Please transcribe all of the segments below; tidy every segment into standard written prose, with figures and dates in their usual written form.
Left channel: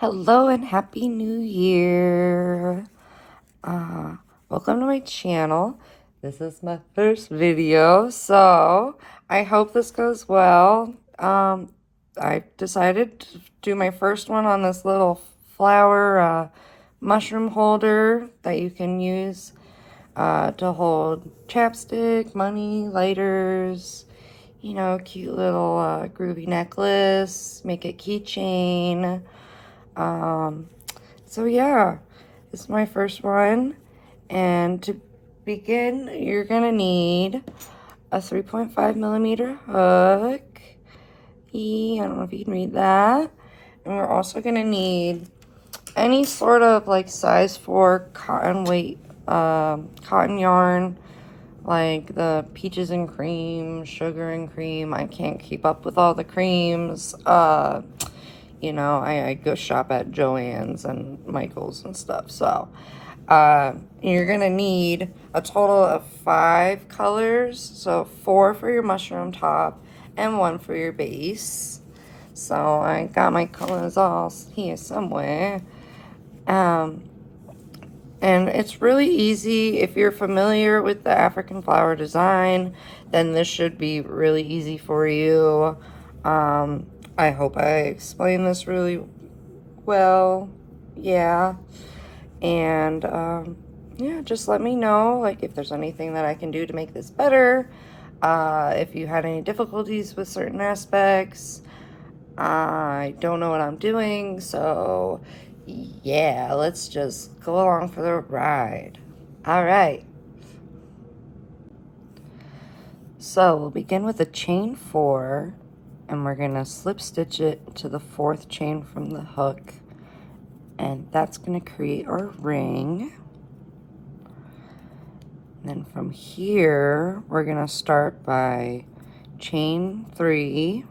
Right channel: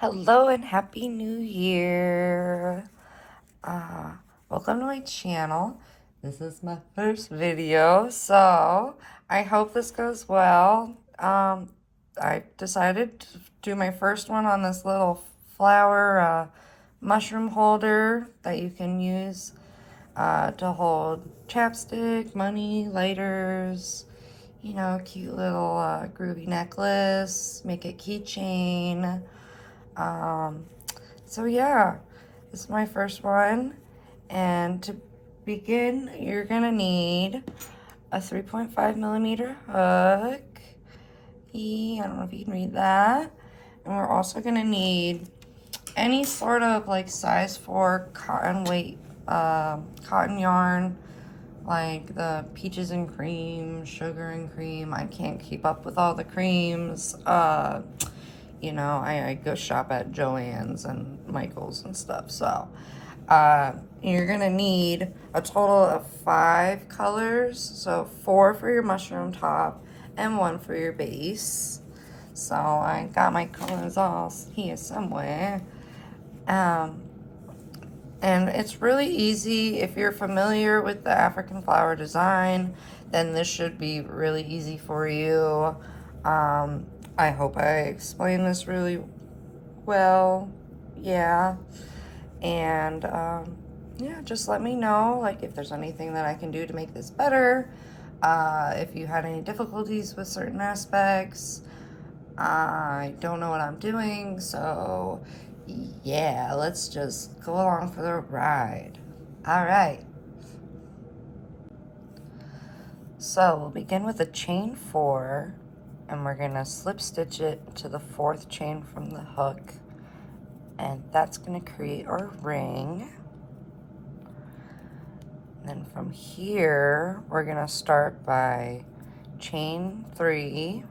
Hello and happy new year. Uh, Welcome to my channel. This is my first video, so I hope this goes well. I decided to do my first one on this little flower mushroom holder that you can use to hold chapstick, money, lighters, you know, cute little groovy necklace, make a keychain. Um, so yeah, this is my first one. And to begin, you're gonna need a 3.5 millimeter hook. I don't know if you can read that. And we're also gonna need any sort of like size 4 cotton weight, cotton yarn, like the peaches and cream, sugar and cream. I can't keep up with all the creams. You know, I go shop at Joann's and Michael's and stuff. So you're gonna need a total of 5 colors. So 4 for your mushroom top and 1 for your base. So I got my colors all here somewhere. And it's really easy. If you're familiar with the African flower design, then this should be really easy for you. I hope I explained this really well. Yeah. And yeah, just let me know like if there's anything that I can do to make this better. If you had any difficulties with certain aspects. I don't know what I'm doing, so yeah, let's just go along for the ride. All right. So we'll begin with a chain 4, and we're gonna slip stitch it to the 4th chain from the hook, and that's gonna create our ring. And then from here, we're gonna start by chain 3.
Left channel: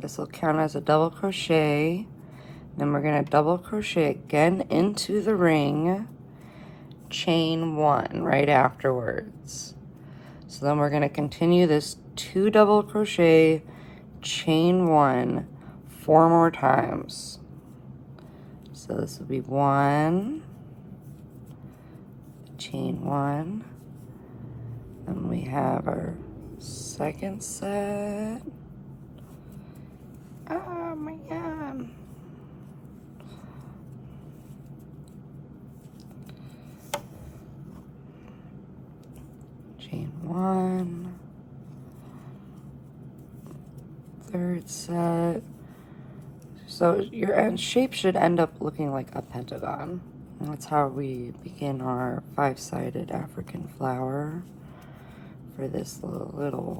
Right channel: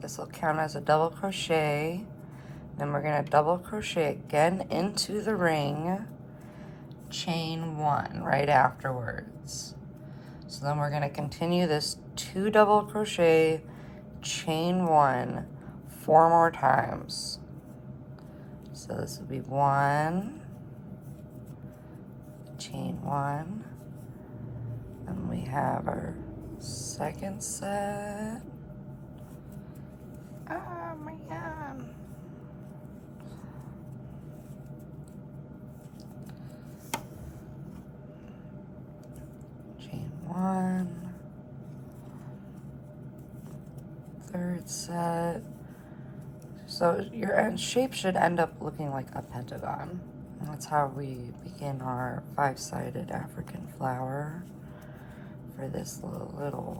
This will count as a double crochet. Then we're gonna double crochet again into the ring, chain 1 right afterwards. So then we're gonna continue this 2 double crochet, chain 1 4 more times. So this will be 1, chain 1, and we have our second set. Oh my god. Chain 1, third set. So your end shape should end up looking like a pentagon. And that's how we begin our 5-sided African flower for this little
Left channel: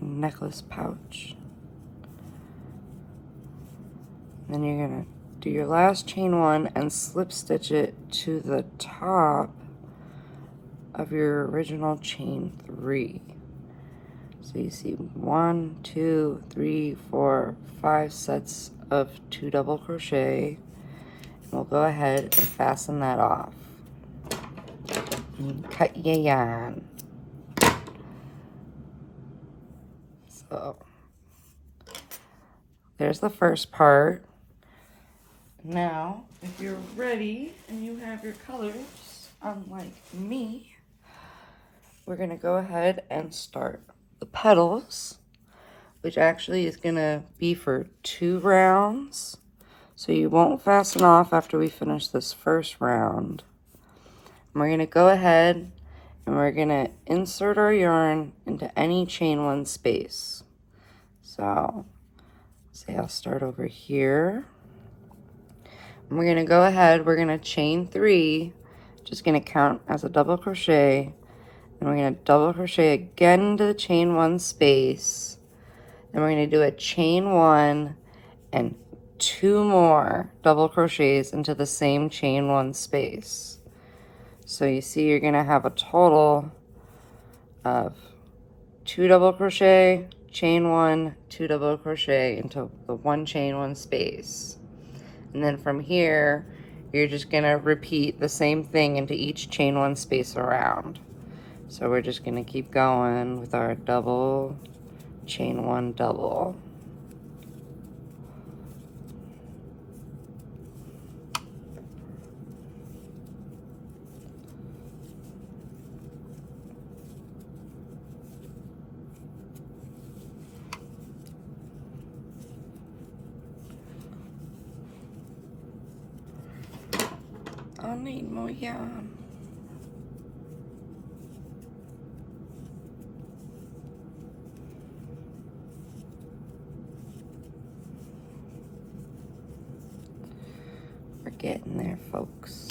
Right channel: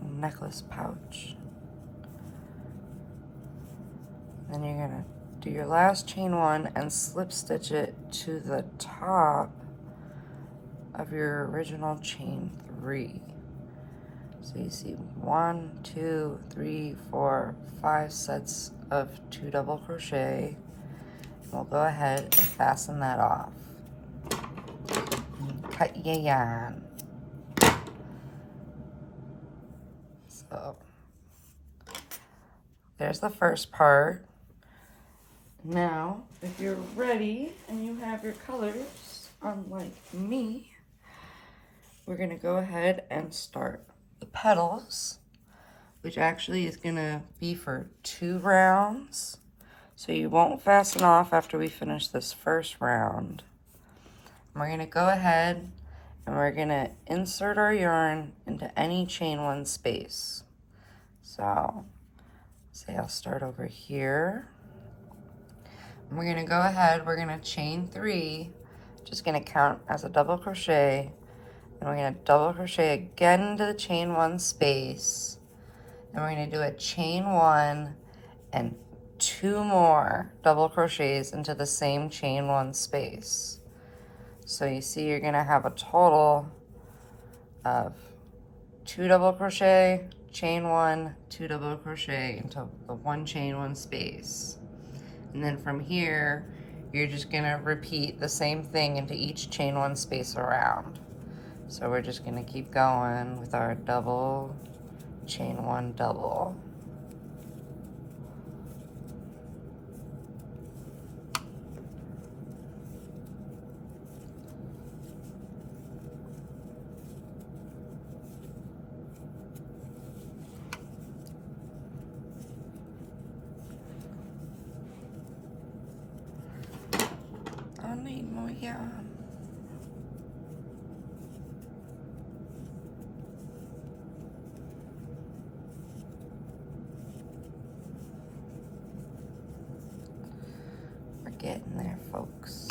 necklace pouch. Then you're gonna do your last chain 1 and slip stitch it to the top of your original chain 3. So you see 1, 2, 3, 4, 5 sets of 2 double crochet. And we'll go ahead and fasten that off. And cut your yarn. So there's the first part. Now, if you're ready and you have your colors, unlike me, we're gonna go ahead and start the petals, which actually is gonna be for 2 rounds. So you won't fasten off after we finish this first round. And we're gonna go ahead and we're gonna insert our yarn into any chain 1 space. So, say I'll start over here. And we're gonna go ahead, we're gonna chain 3, just gonna count as a double crochet, and we're gonna double crochet again into the chain 1 space, and we're gonna do a chain 1 and 2 more double crochets into the same chain 1 space. So you see you're gonna have a total of 2 double crochet, chain 1, 2 double crochet into the 1 chain 1 space. And then from here, you're just gonna repeat the same thing into each chain 1 space around. So we're just gonna keep going with our double, chain 1 double. need more yarn. We're getting there, folks.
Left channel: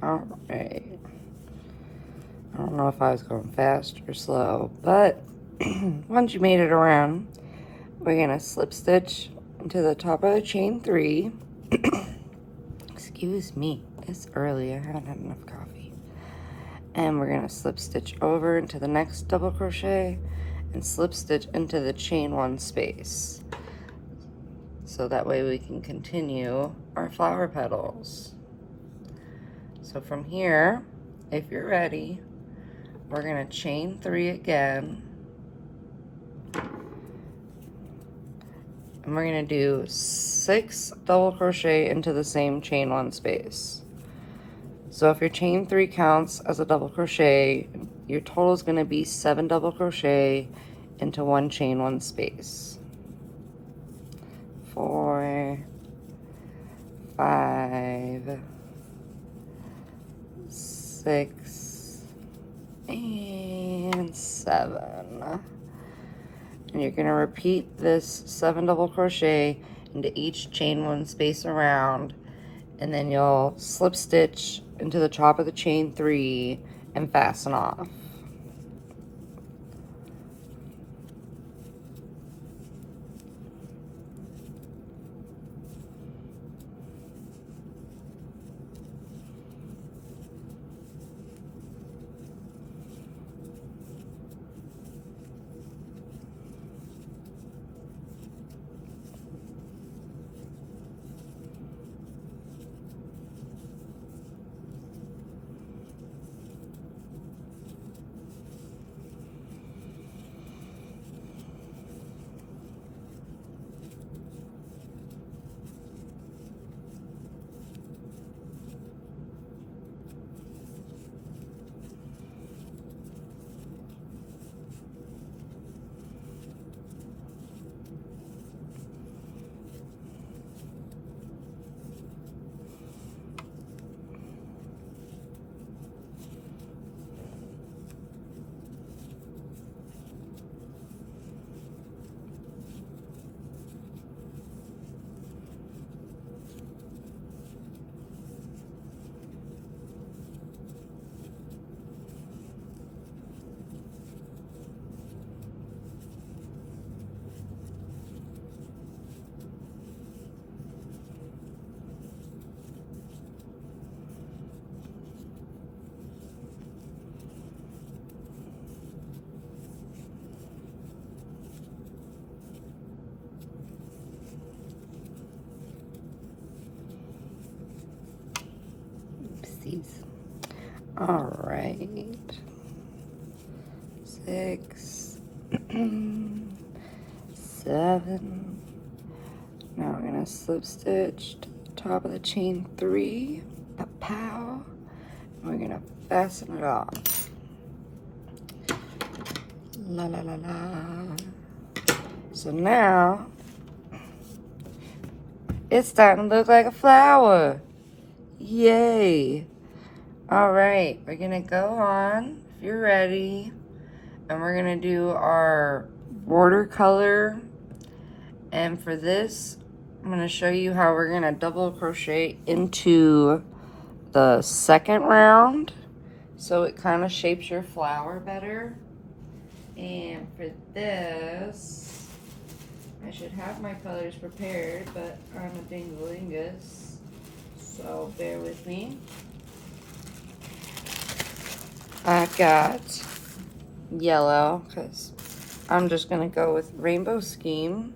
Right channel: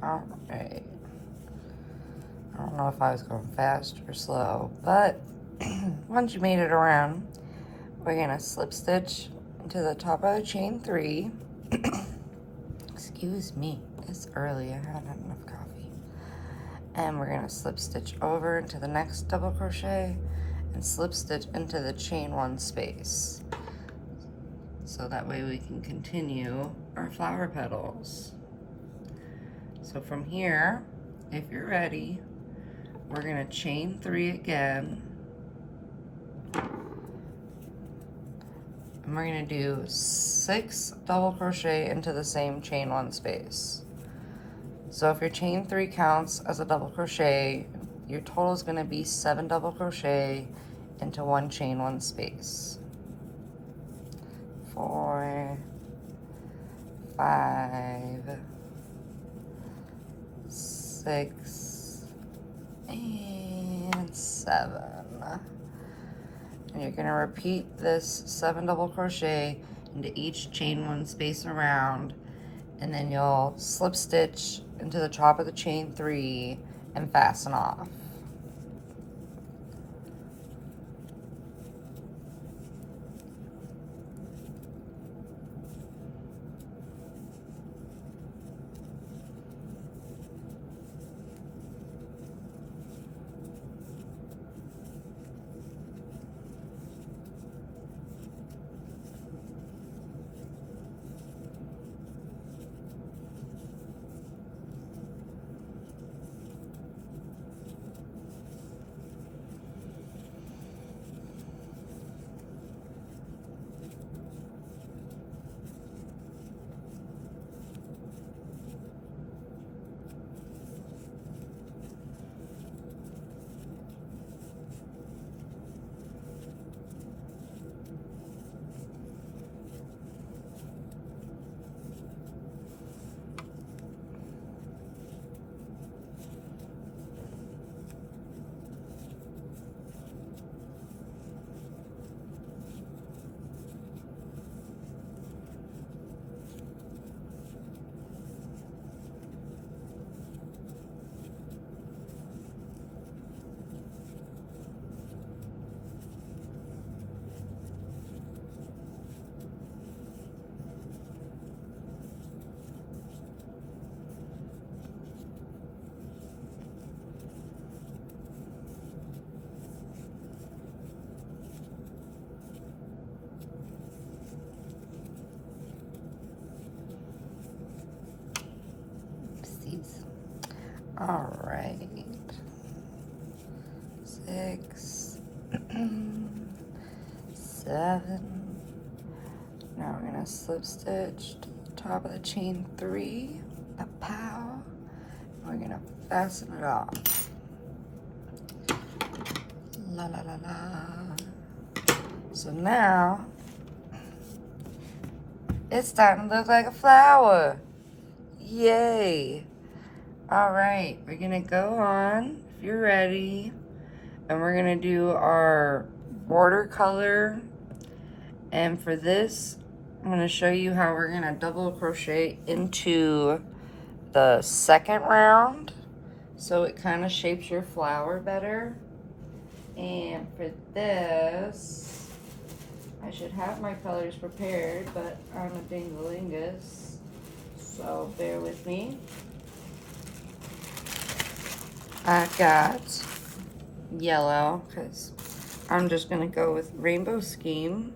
All right. I don't know if I was going fast or slow, but once you made it around, we're gonna slip stitch into the top of the chain 3. Excuse me, it's early, I haven't had enough coffee. And we're gonna slip stitch over into the next double crochet and slip stitch into the chain 1 space. So that way we can continue our flower petals. So from here, if you're ready, we're gonna chain 3 again. And we're gonna do 6 double crochet into the same chain 1 space. So if your chain 3 counts as a double crochet, your total is gonna be 7 double crochet into 1 chain 1 space. 4, 5, 6, and 7. And you're gonna repeat this 7 double crochet into each chain 1 space around, and then you'll slip stitch into the top of the chain 3 and fasten off. All right, 6, 7. Now we're gonna slip stitch to the top of the chain 3, a pow, and we're gonna fasten it off. La la la la. So now it's starting to look like a flower. Yay. All right, we're gonna go on, if you're ready, and we're gonna do our border color. And for this, I'm gonna show you how we're gonna double crochet into the second round, so it kind of shapes your flower better. And for this, I should have my colors prepared, but I'm a dingalingus, so bear with me. I've got yellow, because I'm just going to go with rainbow scheme.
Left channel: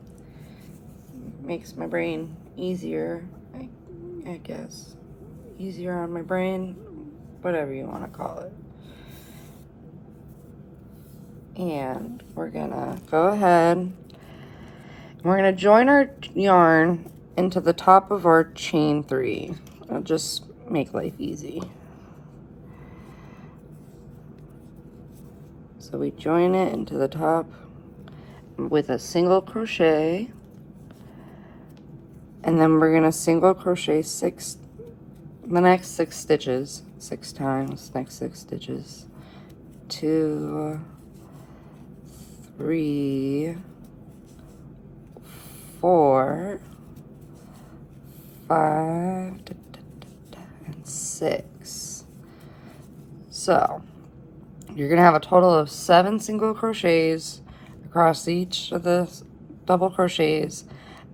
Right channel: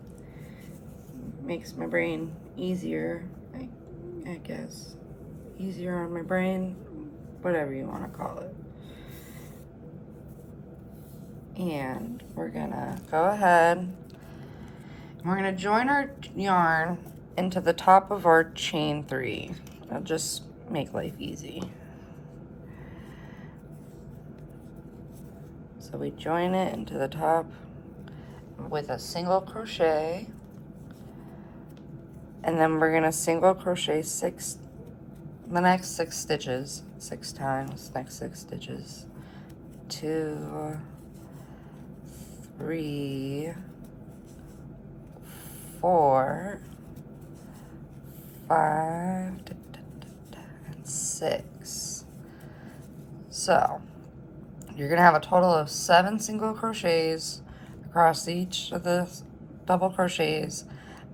makes my brain easier, I guess. Easier on my brain, whatever you want to call it. And we're gonna go ahead and we're gonna join our yarn into the top of our chain 3. It'll just make life easy. So we join it into the top with a single crochet, and then we're gonna single crochet the next 6 stitches, 6 times, next 6 stitches. 2, 3, 4, 5, and 6. So you're gonna have a total of 7 single crochets across each of the double crochets,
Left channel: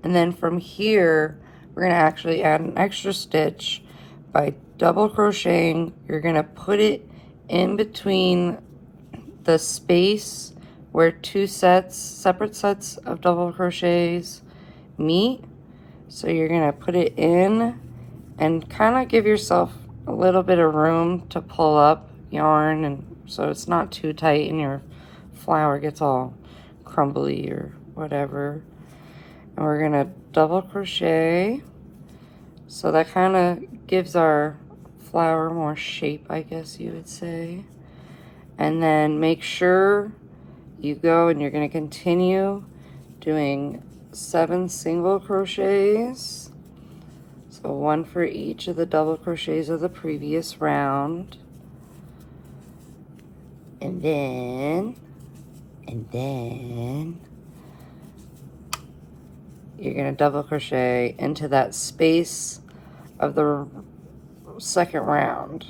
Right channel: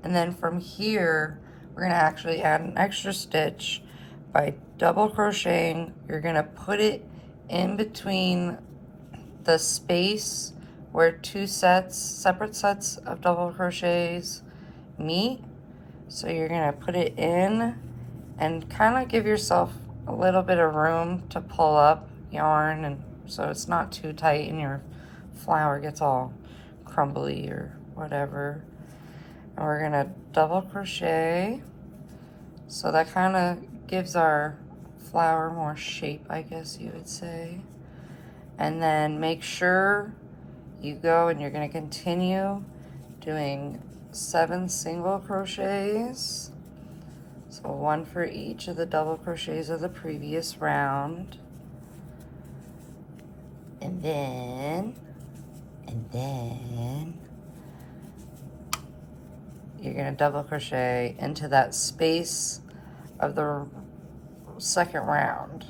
and then from here we're gonna actually add an extra stitch by double crocheting. You're gonna put it in between the space where 2 separate sets of double crochets meet. So you're gonna put it in and kind of give yourself a little bit of room to pull up yarn, and so it's not too tight and your flower gets all crumbly or whatever. And we're gonna double crochet, so that kind of gives our flower more shape, I guess you would say. And then make sure you go and you're gonna continue doing 7 single crochets, so 1 for each of the double crochets of the previous round. And then you're gonna double crochet into that space of the second round,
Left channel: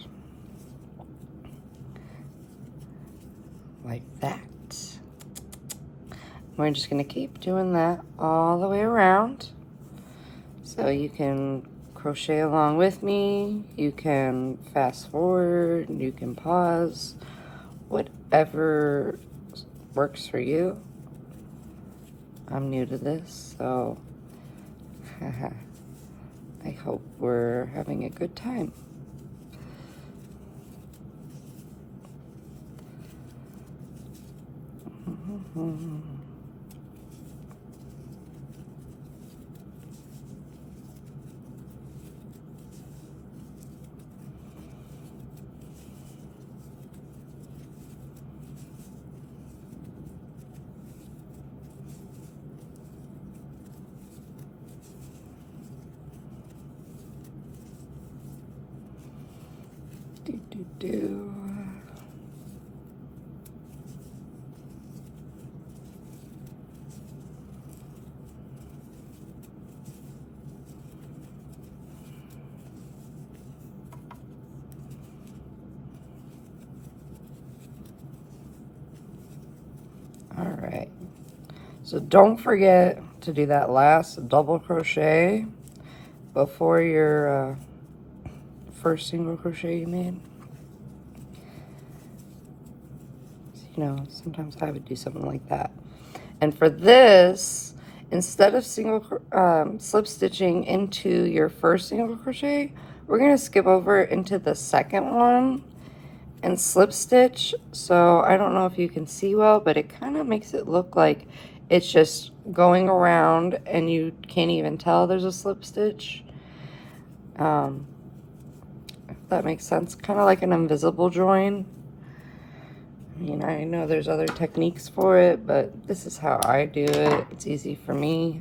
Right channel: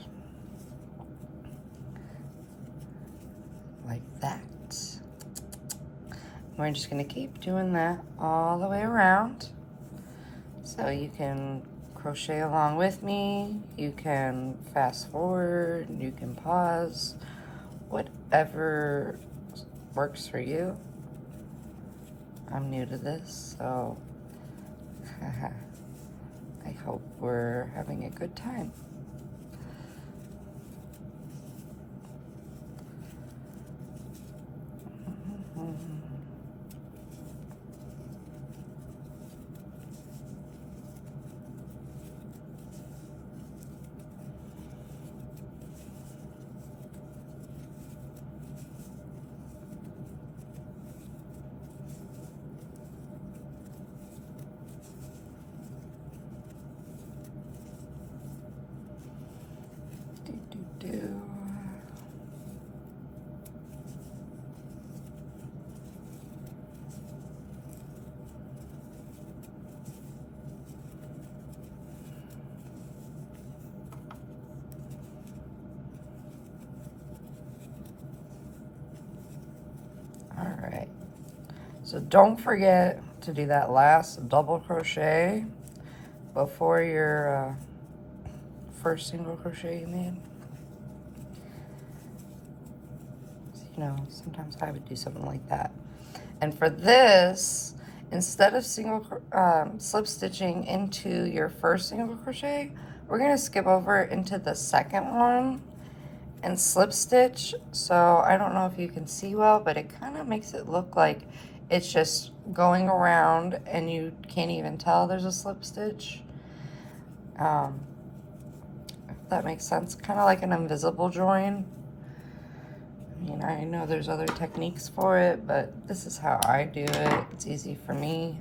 like that. We're just gonna keep doing that all the way around. So you can crochet along with me, you can fast forward, you can pause, whatever works for you. I'm new to this, so I hope we're having a good time. Alright, so don't forget to do that last double crochet before your first single crochet you made. You know, sometimes I would do something like that. And for this, instead of slip stitching into your first single crochet, we're going to skip over into the second one and slip stitch. So I don't know if you can see well, but it kind of makes it look like it's just going around and you can't even tell there's a slip stitch. If that makes sense, kind of like an invisible join. I mean, I know there's other techniques for it, but this is how I do it. It's easy for me.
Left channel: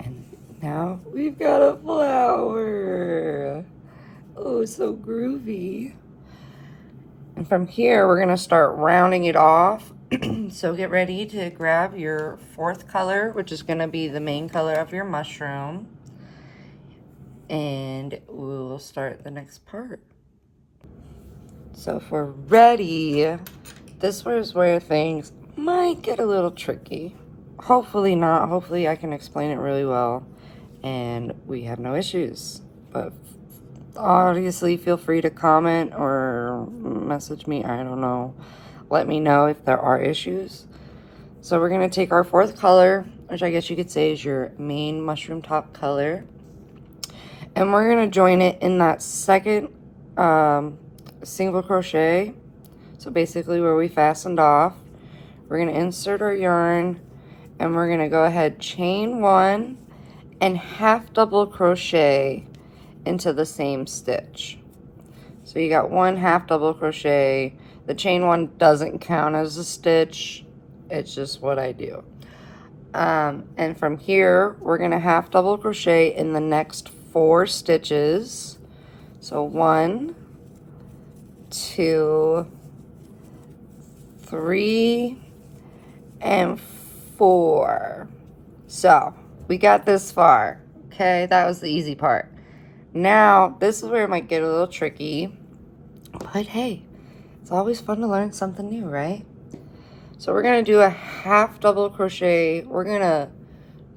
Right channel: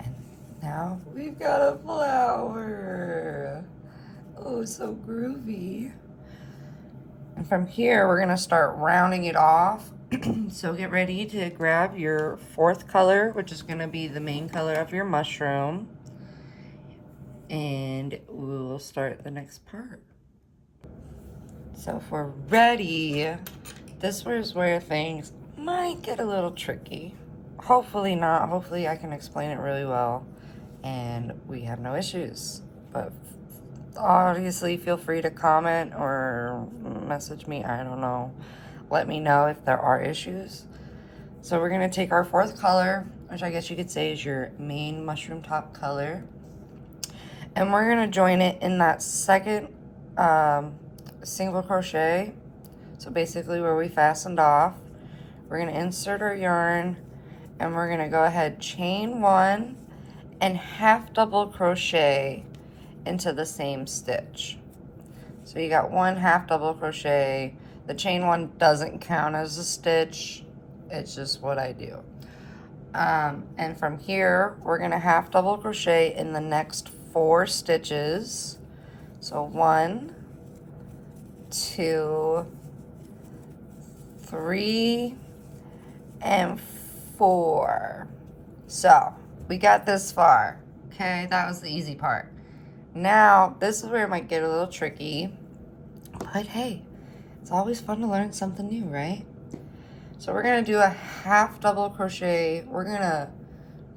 And now we've got a flower. Oh, so groovy. And from here, we're gonna start rounding it off. So get ready to grab your 4th color, which is gonna be the main color of your mushroom. And we'll start the next part. So if we're ready, this is where things might get a little tricky. Hopefully not. Hopefully I can explain it really well and we have no issues. But obviously feel free to comment or message me. I don't know. Let me know if there are issues. So we're gonna take our fourth color, which I guess you could say is your main mushroom top color, and we're gonna join it in that second single crochet. So basically where we fastened off, we're gonna insert our yarn and we're gonna go ahead, chain one and half double crochet into the same stitch. So you got one half double crochet. The chain one doesn't count as a stitch. It's just what I do. And from here, we're gonna half double crochet in the next 4 stitches. So 1, 2, 3, and 4. So we got this far. Okay, that was the easy part. Now, this is where it might get a little tricky, but hey, it's always fun to learn something new, right? So we're gonna do a half double crochet. We're gonna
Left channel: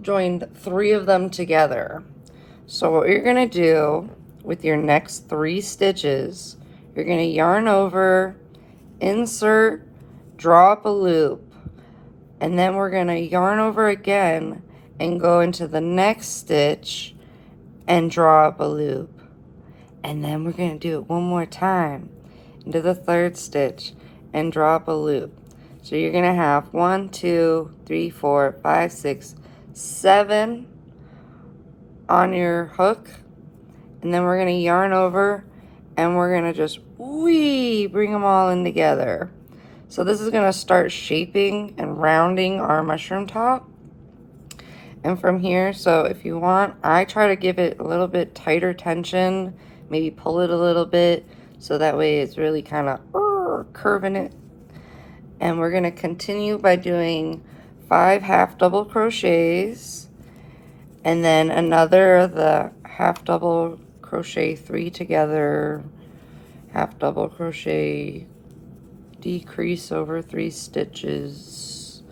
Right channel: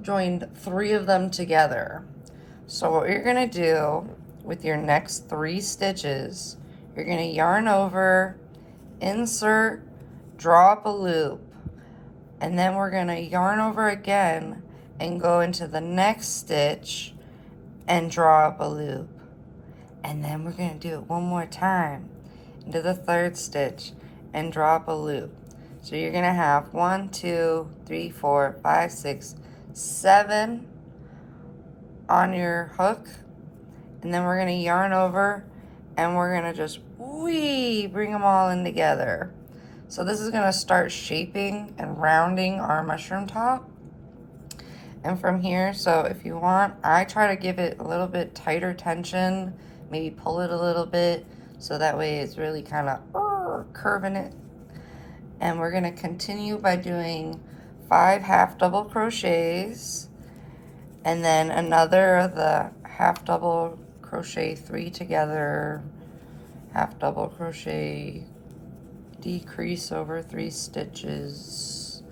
join 3 of them together. So what you're gonna do with your next 3 stitches, you're gonna yarn over, insert, draw up a loop, and then we're gonna yarn over again and go into the next stitch and draw up a loop. And then we're gonna do it one more time into the 3rd stitch and draw up a loop. So you're gonna have 1, 2, 3, 4, 5, 6, 7 on your hook, and then we're gonna yarn over and we're gonna just bring them all in together. So this is gonna start shaping and rounding our mushroom top. And from here, so if you want, I try to give it a little bit tighter tension, maybe pull it a little bit, so that way it's really kind of curving it. And we're gonna continue by doing 5 half double crochets, and then another of the half double crochet 3 together, half double crochet, decrease over 3 stitches.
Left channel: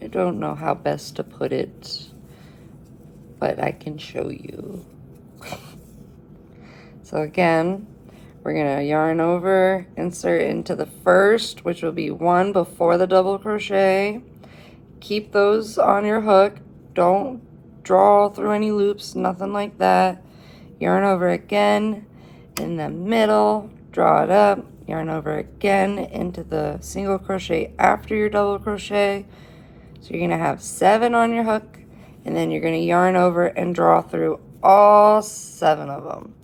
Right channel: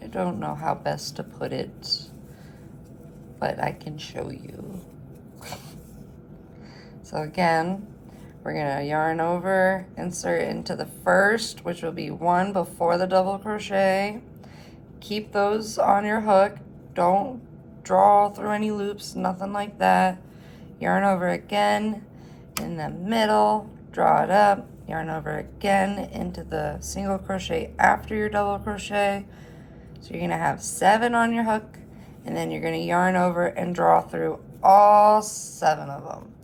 I don't know how best to put it, but I can show you. So again, we're gonna yarn over, insert into the first, which will be 1 before the double crochet. Keep those on your hook. Don't draw through any loops, nothing like that. Yarn over again in the middle, draw it up, yarn over again into the single crochet after your double crochet. So you're gonna have 7 on your hook, and then you're gonna yarn over and draw through all 7 of them.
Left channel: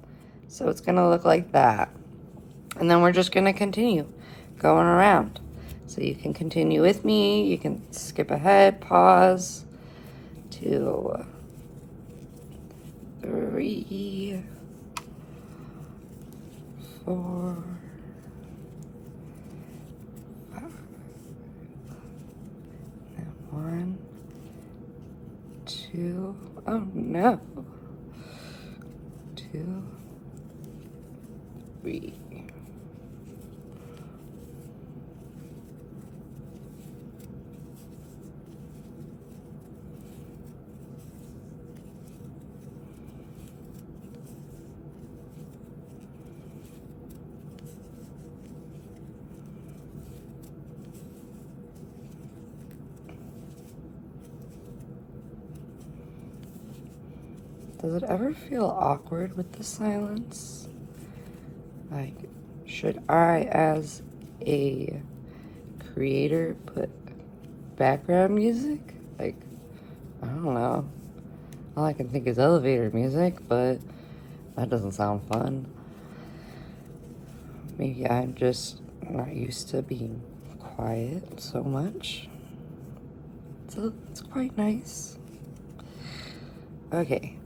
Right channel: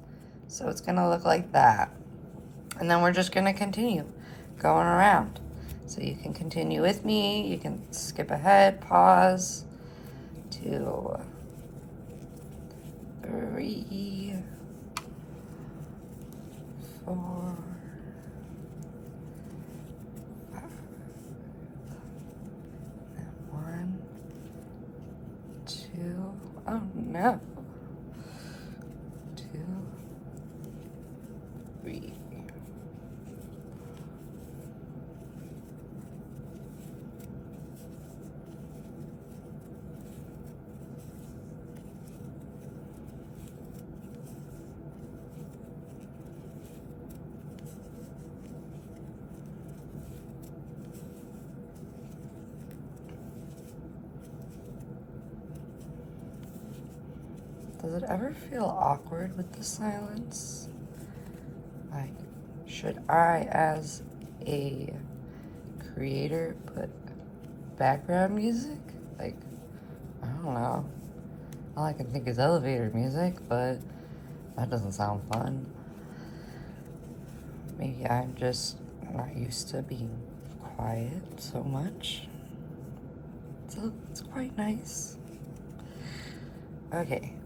So it's gonna look like that. And then we're just gonna continue going around. So you can continue with me, you can skip ahead, pause, 2, 3, 4, 5, 1, 2, oh no, 2, 3. Does it ever feel awkward with the silence? Like, should I, as a creator, put background music? Like, I don't know. All I can think is elevator music, but that doesn't sound fun. Maybe I'm just not used to being quiet so much. So it's quite nice. Okay.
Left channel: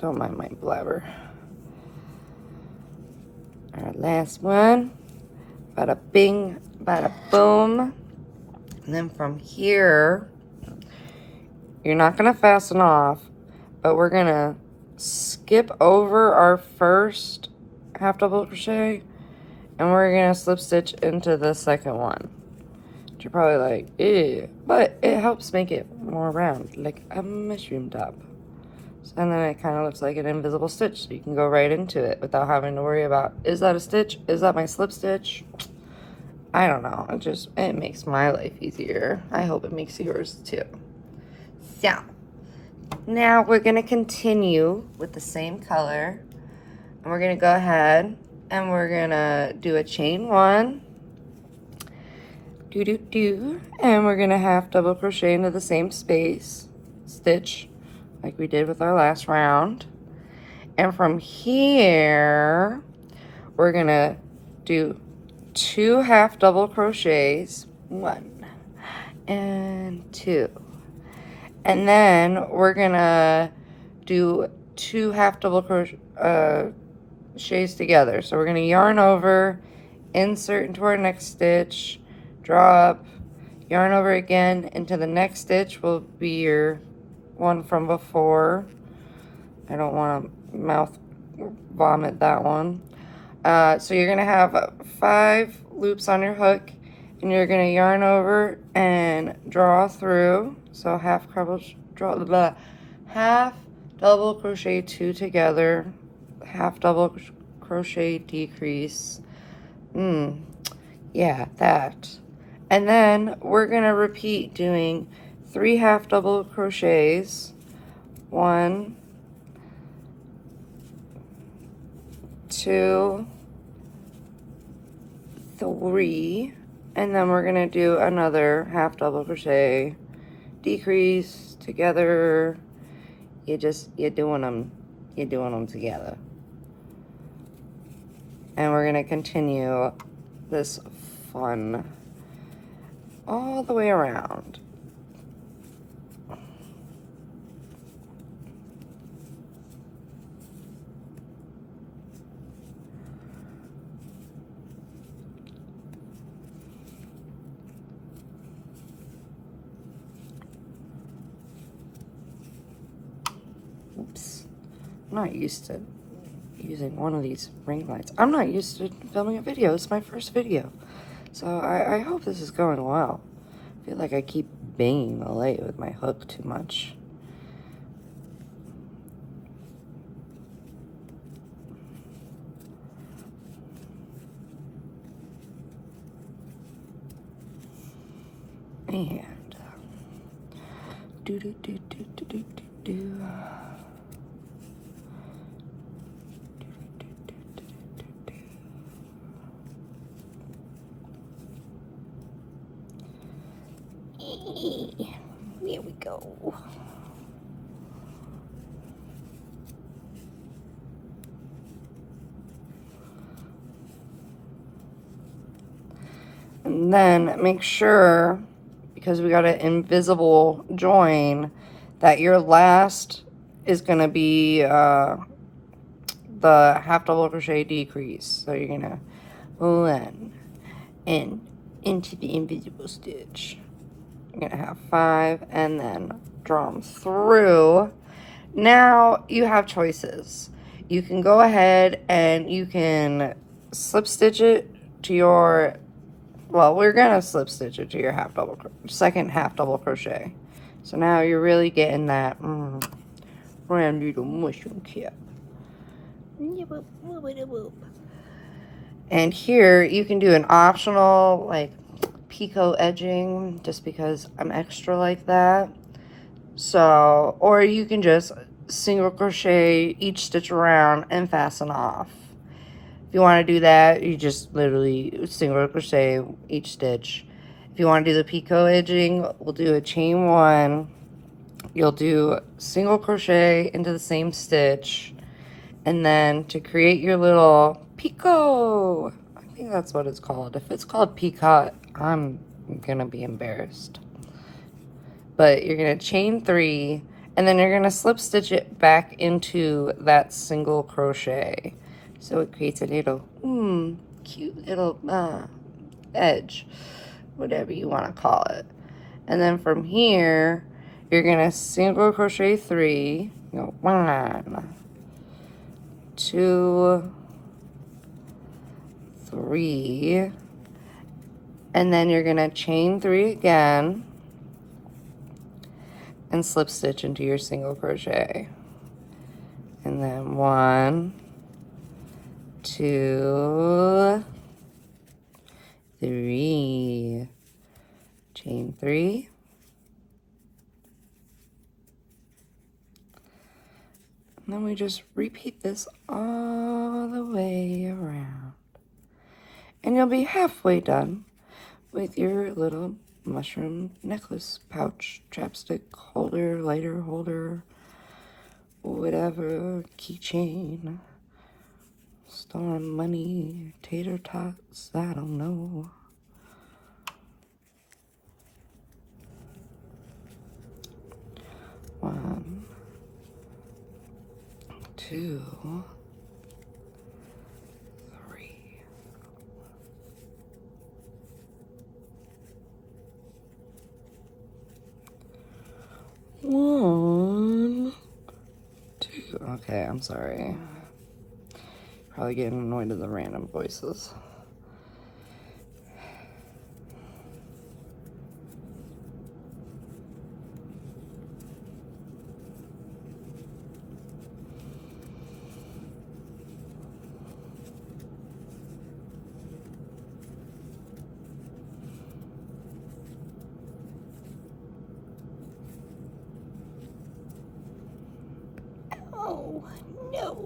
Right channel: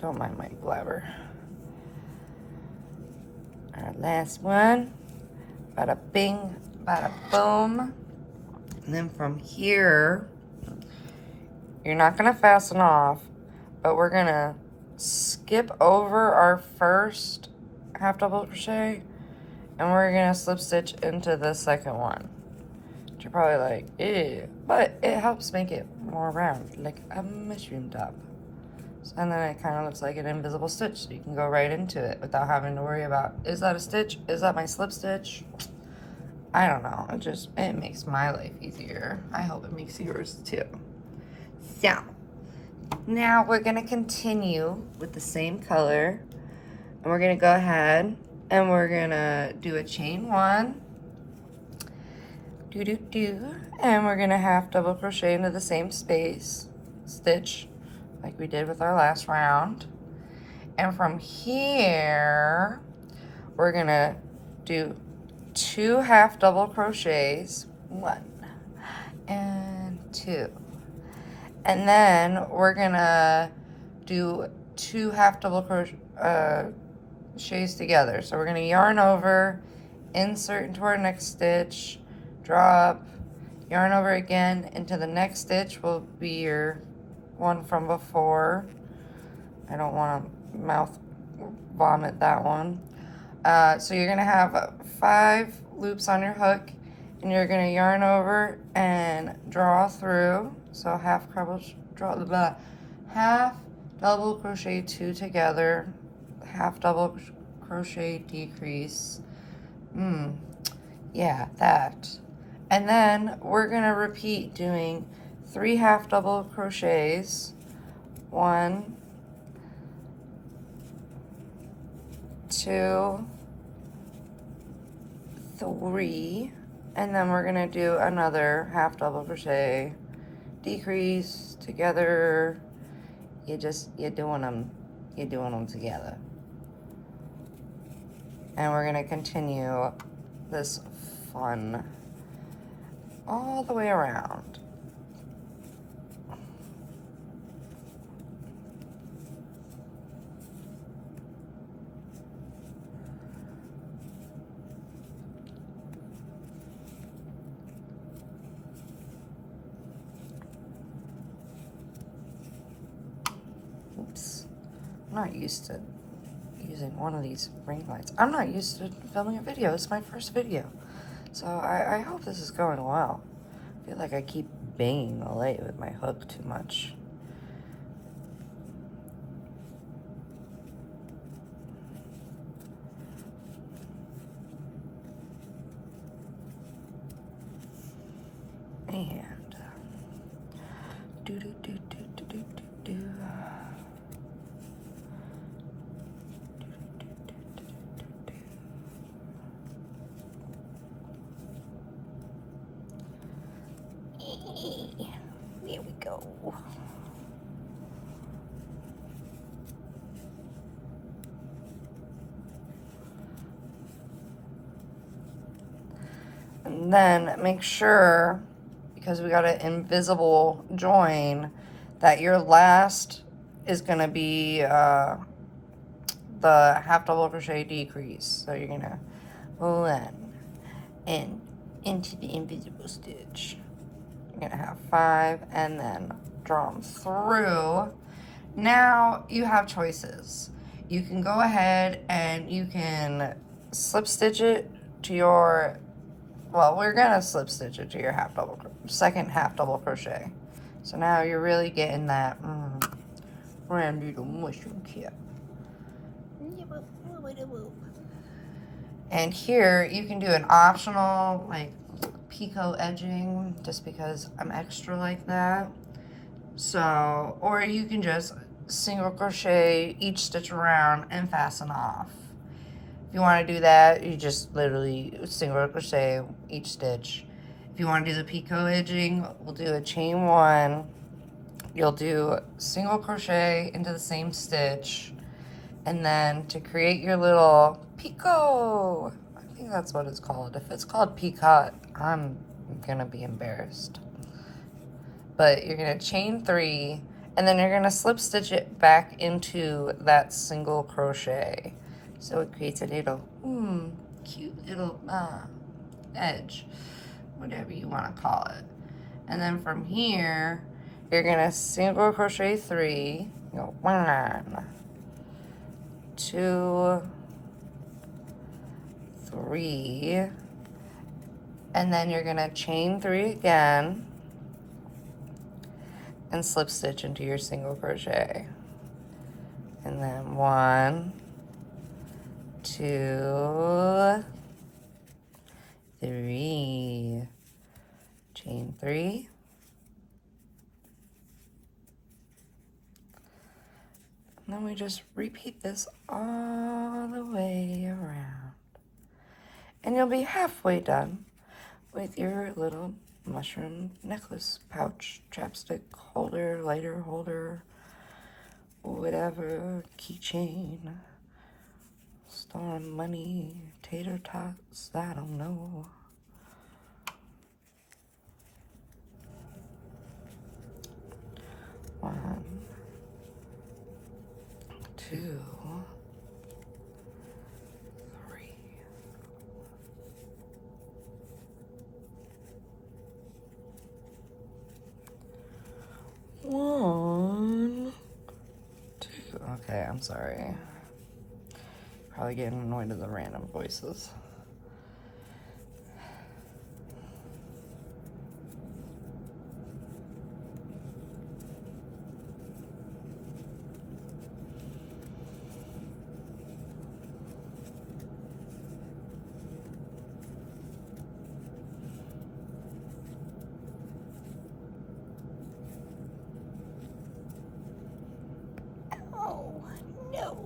Don't mind my blabber. Our last one. Bada bing, bada boom. And then from here, you're not gonna fasten off, but we're gonna skip over our first half double crochet and we're gonna slip stitch into the second one. You're probably like, ew, but it helps make it more round, like a mushroom top. And then it kind of looks like an invisible stitch, so you can go right into it without having to worry about, is that a stitch? Is that my slip stitch? I don't know, it makes my life easier. I hope it makes yours too. So, now we're gonna continue with the same color, and we're gonna go ahead and we're gonna do a chain 1, and we're gonna half double crochet into the same stitch like we did with our last round. And from here, we're gonna do 2 half double crochets, 1 and 2. And then we're gonna do 2 half double crochets together. So we're gonna yarn over, insert into our next stitch, draw up, yarn over again into the next stitch will be your one from before. I don't want to mouth vomit that one. So you're gonna have 5 loops on your hook, and you're gonna yarn over and draw through. So half double crochet 2 together, half double crochet decrease. Yeah, that. And then we're gonna repeat doing 3 half double crochets. 1, 2, 3, and then we're gonna do another half double crochet, decrease together. You're doing them together. And we're gonna continue this fun all the way around. Oops, I'm not used to using one of these ring lights. I'm not used to filming a video. It's my first video. So I hope this is going well. I feel like I keep banging the light with my hook too much. And There we go. And then make sure, because we got an invisible join, that your last is gonna be the half double crochet decrease. So you're gonna one and into the invisible stitch. You're gonna have 5 and then draw them through. Now you have choices. You can go ahead and you can slip stitch it to your, well, we're gonna slip stitch it to your second half double crochet. So now you're really getting that brand little mushroom cap. And here you can do an optional like picot edging, just because I'm extra like that. So, or you can just single crochet each stitch around and fasten off. If you want to do that, you just literally single crochet each stitch. If you want to do the picot edging, we'll do a chain 1. You'll do single crochet into the same stitch, and then to create your little picot, I think that's what it's called. If it's called picot, I'm gonna be embarrassed. But you're gonna chain 3, and then you're gonna slip stitch it back into that single crochet. So it creates a little, cute little edge, whatever you wanna call it. And then from here, you're gonna single crochet 3, 1, 2, 3, and then you're gonna chain 3 again and slip stitch into your single crochet. And then 1, 2, 3, chain 3, and then we just repeat this all the way around, and you'll be halfway done with your little mushroom necklace pouch, chapstick holder, lighter holder, whatever, keychain, stolen money, tater tots, I don't know. One, 2, 3. One, 2. Okay, I'm sorry. Probably getting annoyed at the random voices. Oh, no.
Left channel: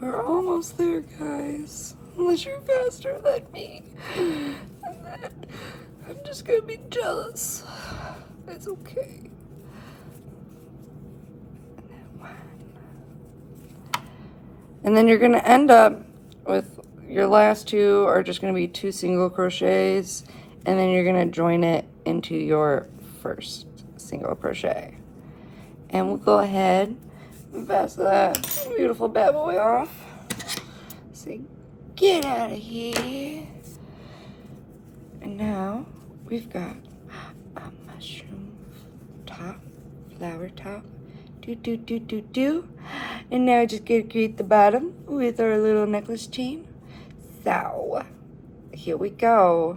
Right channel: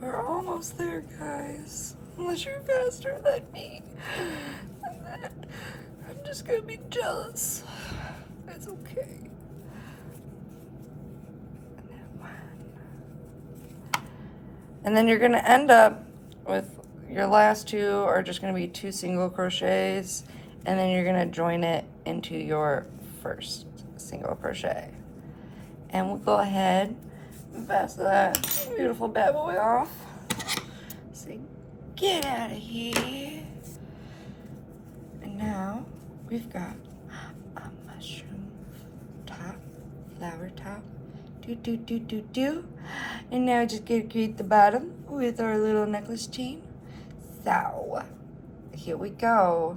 We're almost there, guys. Unless you're faster than me. I'm just gonna be jealous. That's okay. And then you're gonna end up with your last 2 are just gonna be 2 single crochets, and then you're gonna join it into your first single crochet. And we'll go ahead and pass that beautiful bad boy off. Say, get out of here. And now we've got a mushroom top, flower top, do. And now just gonna create the bottom with our little necklace chain. So, here we go.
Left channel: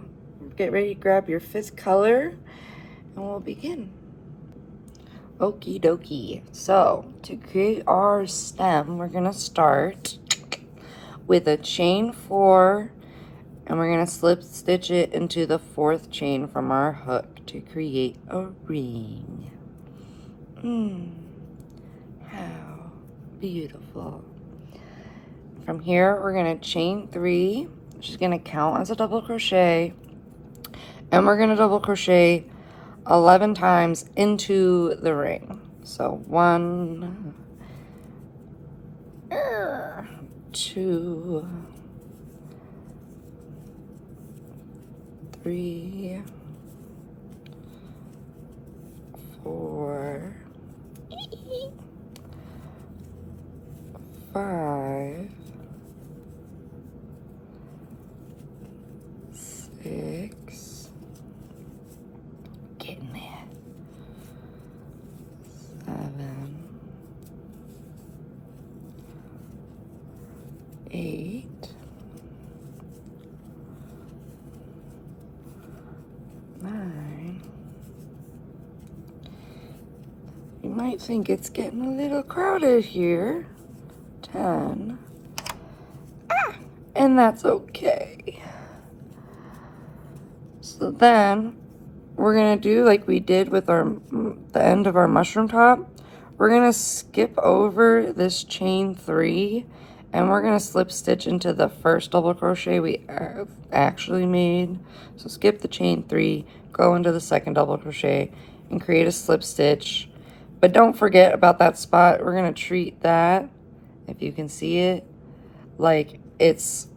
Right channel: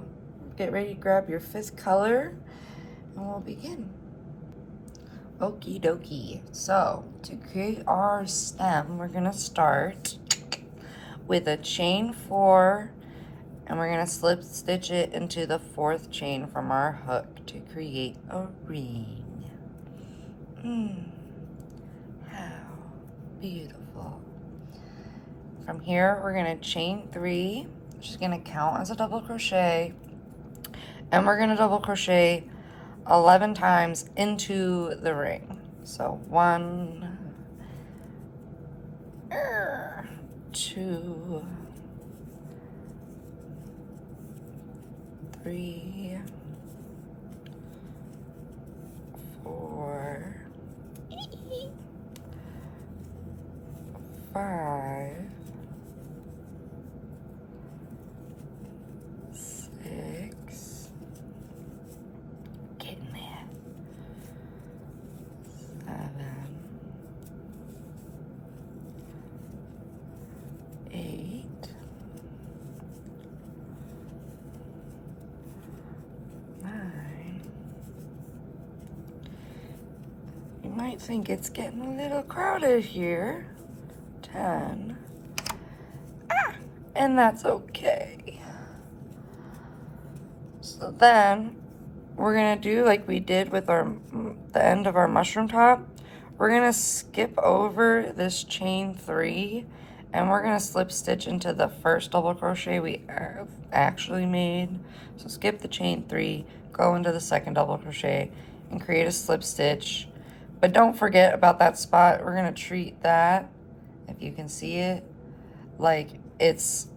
Get ready to grab your 5th color and we'll begin. Okie dokie. So, to create our stem, we're gonna start with a chain 4, and we're gonna slip stitch it into the 4th chain from our hook to create a ring. How beautiful. From here, we're gonna chain 3, which is gonna count as a double crochet, and we're gonna double crochet 11 times into the ring. So 1, 2, 3, 4, 5, 6, getting there, 7, 8, 9. You might think it's getting a little crowded here. 10. And that's okay. So then we're gonna do like we did with the end of our mushroom top. We're gonna skip over this chain 3, and we're gonna slip stitch into the first double crochet we actually made. So skip the chain 3, go into the second double crochet and create a slip stitch. But don't forget about that spot. We're gonna treat that, if you can see it, like it's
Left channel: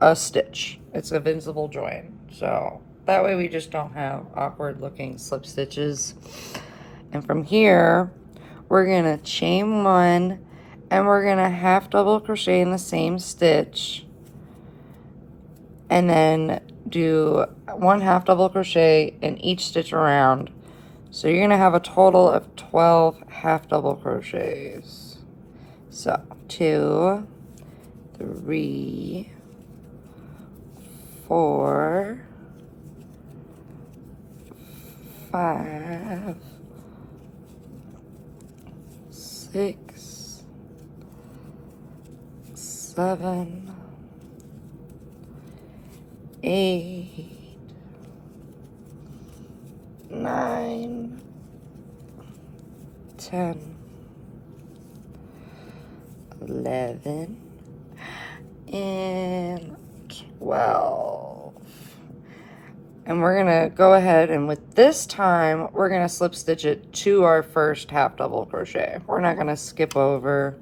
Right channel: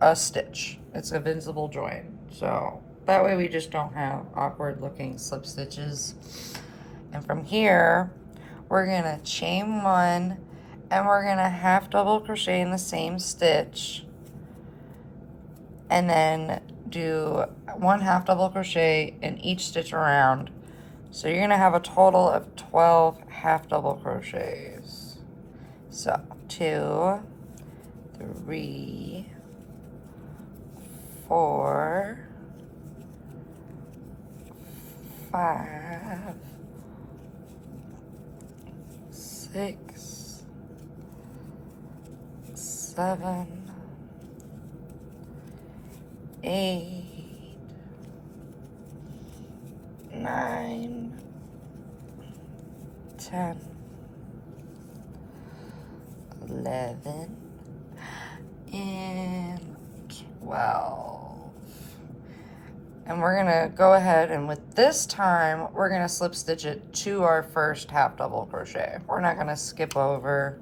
a stitch. It's a visible join. So that way we just don't have awkward looking slip stitches. And from here, we're gonna chain 1, and we're gonna half double crochet in the same stitch, and then do 1 half double crochet in each stitch around. So you're gonna have a total of 12 half double crochets. So 2, 3, 4, 5, 6, 6, 7, 8, 9, 10, 11, and 12. And we're gonna go ahead and with this time, we're gonna slip stitch it to our first half double crochet. We're not gonna skip over.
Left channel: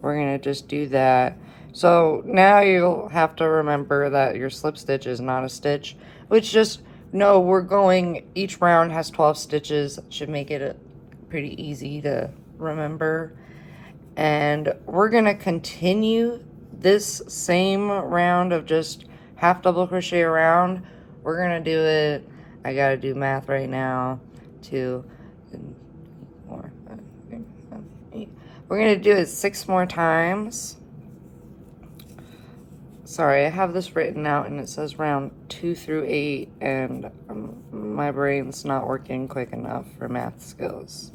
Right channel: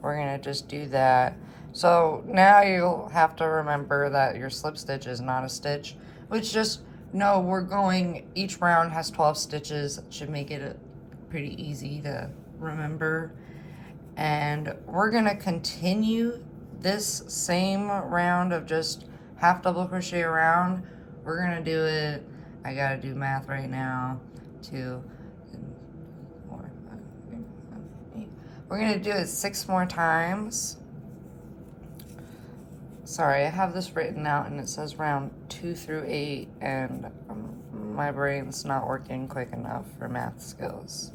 We're gonna just do that. So now you'll have to remember that your slip stitch is not a stitch, which just know we're going, each round has 12 stitches, should make it pretty easy to remember. And we're gonna continue this same round of just half double crochet around. We're gonna do it, I gotta do math right now, 2, 4, 5, 6, 7, 8. We're gonna do it 6 more times. Sorry, I have this written out and it says round 2 through 8, and my brain's not working quick enough for math skills.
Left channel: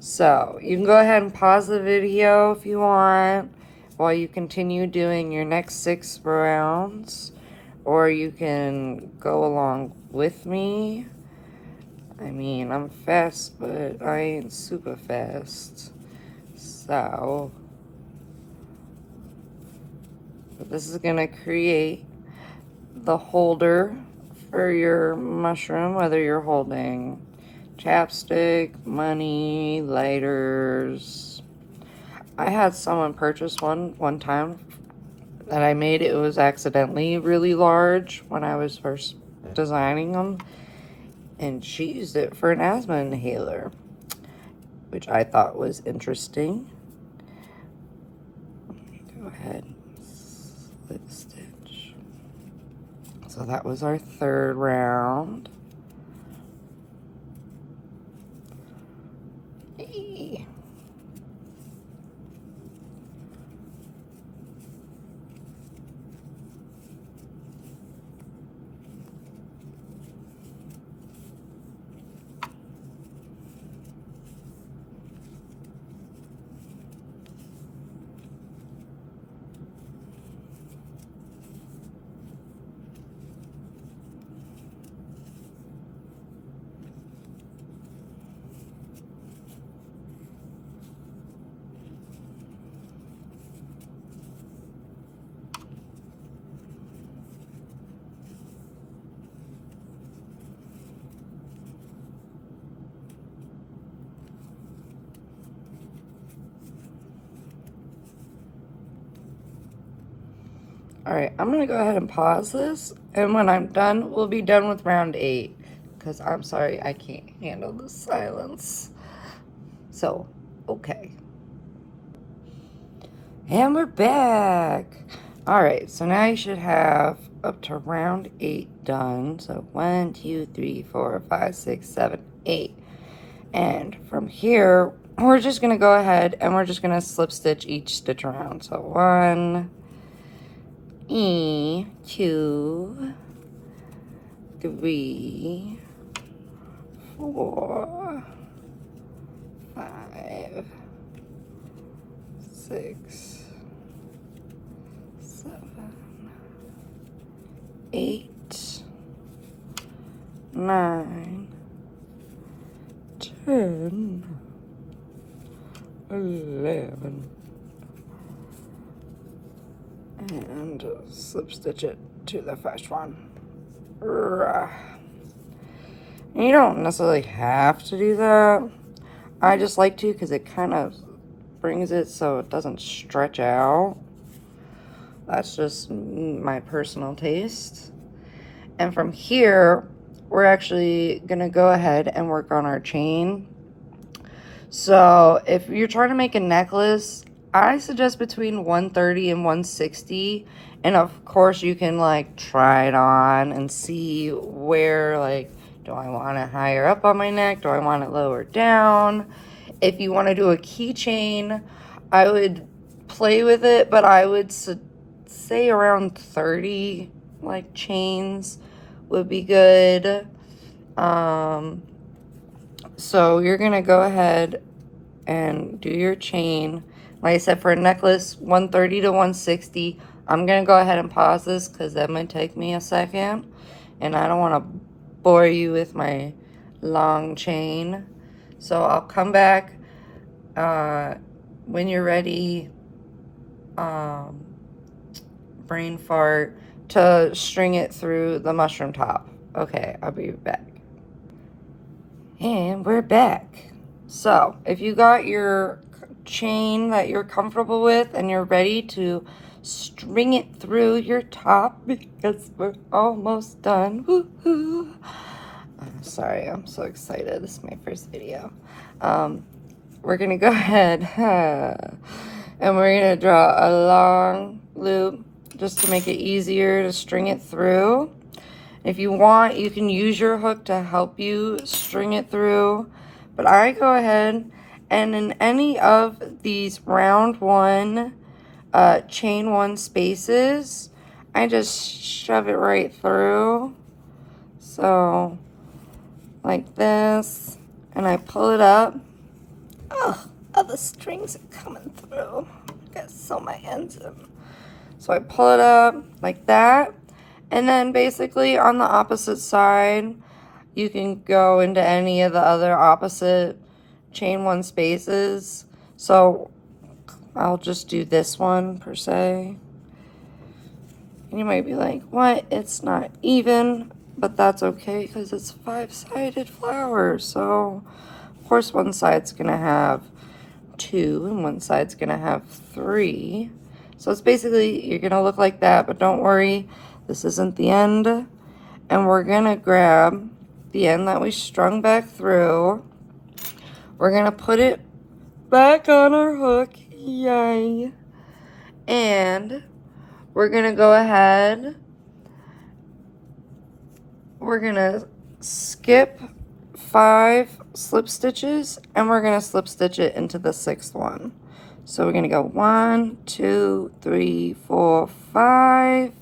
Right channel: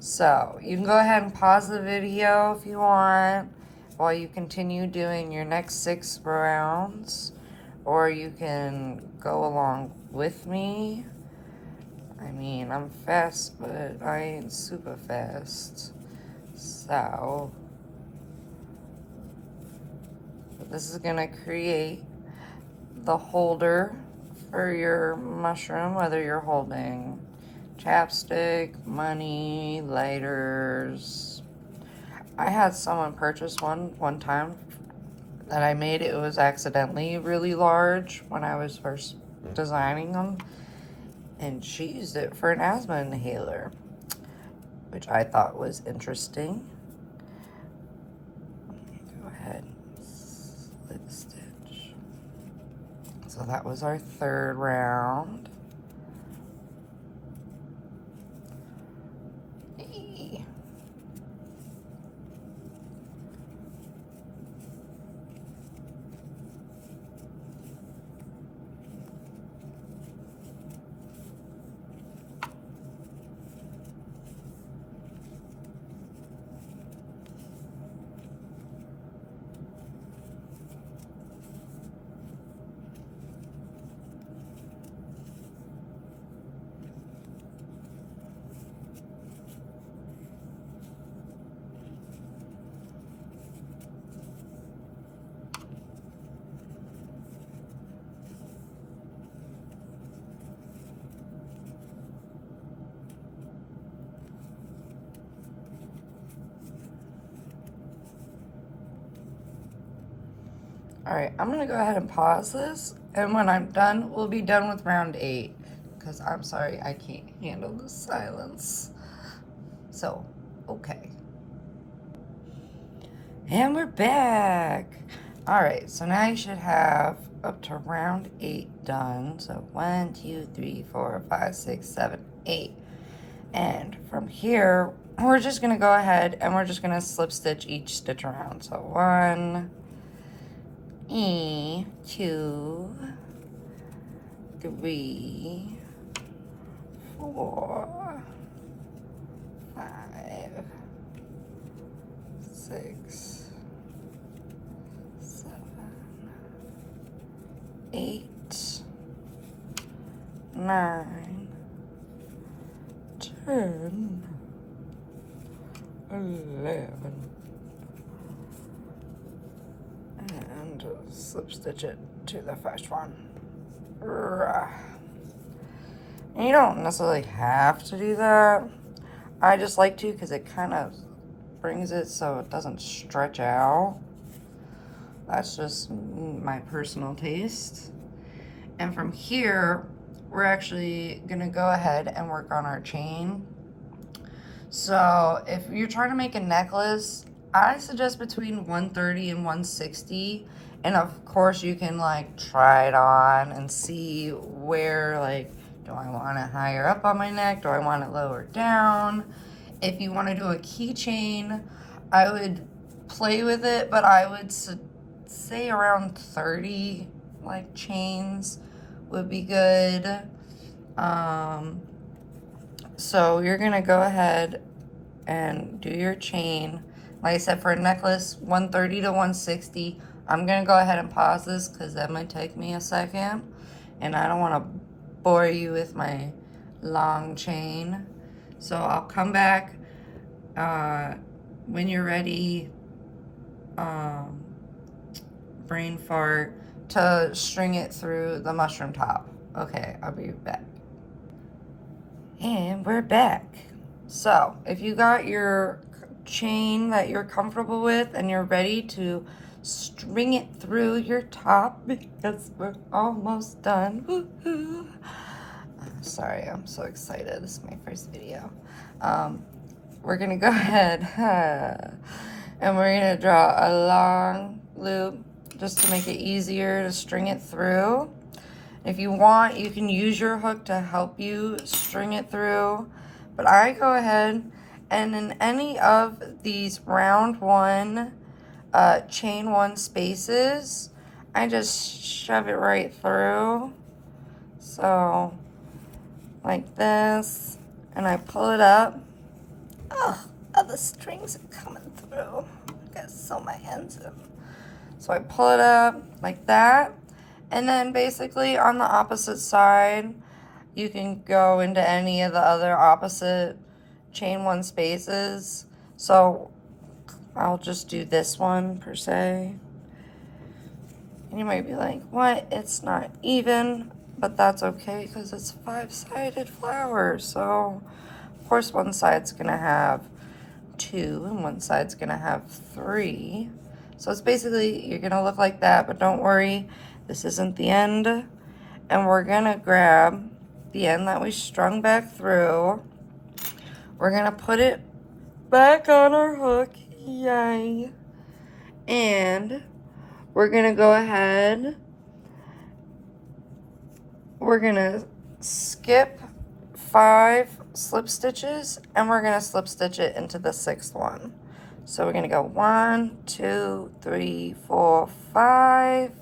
So you can go ahead and pause the video if you want while you continue doing your next 6 rounds, or you can go along with me. I mean, I'm fast, but I ain't super fast. So this is gonna create the holder for your mushroom, whether you're holding chapstick, money, lighters. I had someone purchase one time that I made. It was accidentally really large when I was first designing them, and she used it for an asthma inhaler, which I thought was interesting. Go ahead, slip stitch. So that was our 3rd round. Hey. All right, I'm gonna go ahead and pause this, and when I'm done, we'll be done with round 8, because I'm sorry, I can't handle the silence. So, okay. And we're back. All right, so now you should have up to round 8 done. So 1, 2, 3, 4, 5, 6, 7, 8. And from here, we're just gonna go ahead and we're just gonna slip stitch each stitch around. So 1, 2, 3, 4, 5, 6, 7, 8, 9, 10, 11, and slip stitch it to the first one. You don't necessarily have to do that. I just like to because it kind of brings it so it doesn't stretch out. That's just my personal taste. And from here, we're actually gonna go ahead and work on our chain. So if you're trying to make a necklace, I suggest between 130 and 160. And of course you can like try it on and see where, like, do I want it higher up on my neck? Do I want it lower down? If you want to do a keychain, I would play with it, but I would say around 30 like chains would be good. So you're gonna go ahead and do your chain. Like I said, for a necklace, 130 to 160. I'm gonna go ahead and pause this because that might take me a second, and I don't want to bore you with my long chain. So I'll come back when you're ready, brain fart, to string it through the mushroom top. Okay, I'll be back. And we're back. So if you got your chain that you're comfortable with and you're ready to string it through your top, because we're almost done. Woo-hoo. I'm sorry, I'm so excited. This is my first video. We're gonna go ahead and we're gonna draw a long loop just to make it easier to string it through. If you want, you can use your hook to help you string it through, but I go ahead and in any of these round one, chain one spaces, I just shove it right through. So like this, and I pull it up. Oh, the strings are coming through. I gotta sew my ends in. So I pull it up like that, and then basically on the opposite side, you can go into any of the other opposite chain one spaces. So I'll just do this one per se. And you might be like, what? It's not even, but that's okay because it's 5-sided flower. So of course one side's gonna have 2 and one side's gonna have 3. So it's basically, you're gonna look like that, but don't worry, this isn't the end. And we're gonna grab the end that we strung back through. We're gonna put it back on our hook, yay. And we're gonna go ahead, we're gonna skip 5 slip stitches and we're gonna slip stitch it into the 6th one. So we're gonna go 1, 2, 3, 4, 5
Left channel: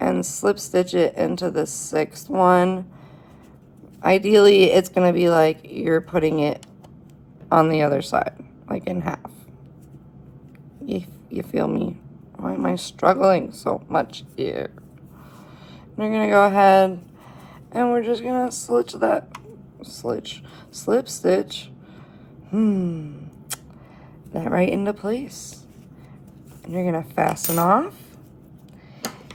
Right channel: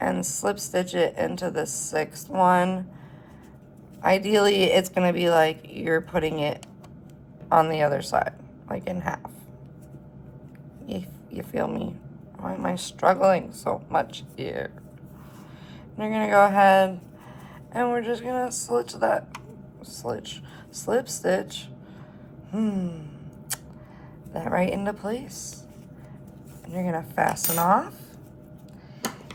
and slip stitch it into the 6th one. Ideally, it's gonna be like you're putting it on the other side, like in half. You feel me? Why am I struggling so much here? We're gonna go ahead and we're just gonna slip stitch that right into place. And you're gonna fasten off.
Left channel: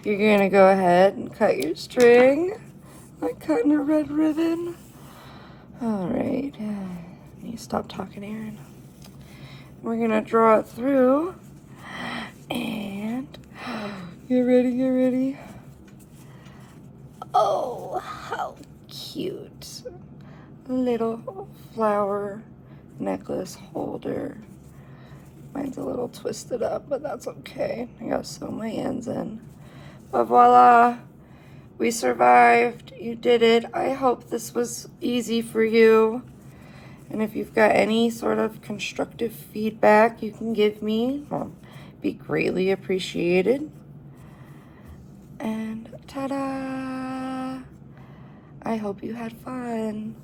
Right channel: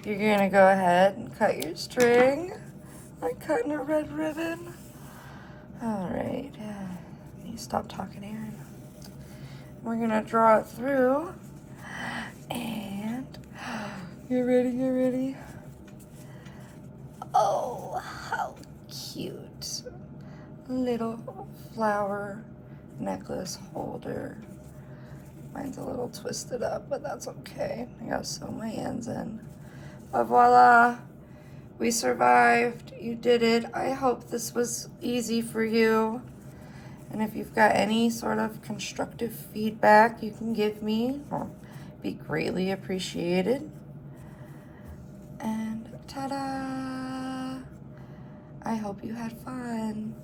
You're gonna go ahead and cut your string, like cutting a red ribbon. All right, you stop talking, Aaron. We're gonna draw it through, and you ready? Oh, how cute. Little flower necklace holder. Mine's a little twisted up, but that's okay. I gotta sew my ends in. But voila, we survived. You did it. I hope this was easy for you. And if you've got any sort of constructive feedback you can give me, well, be greatly appreciated. And ta-da! I hope you had fun.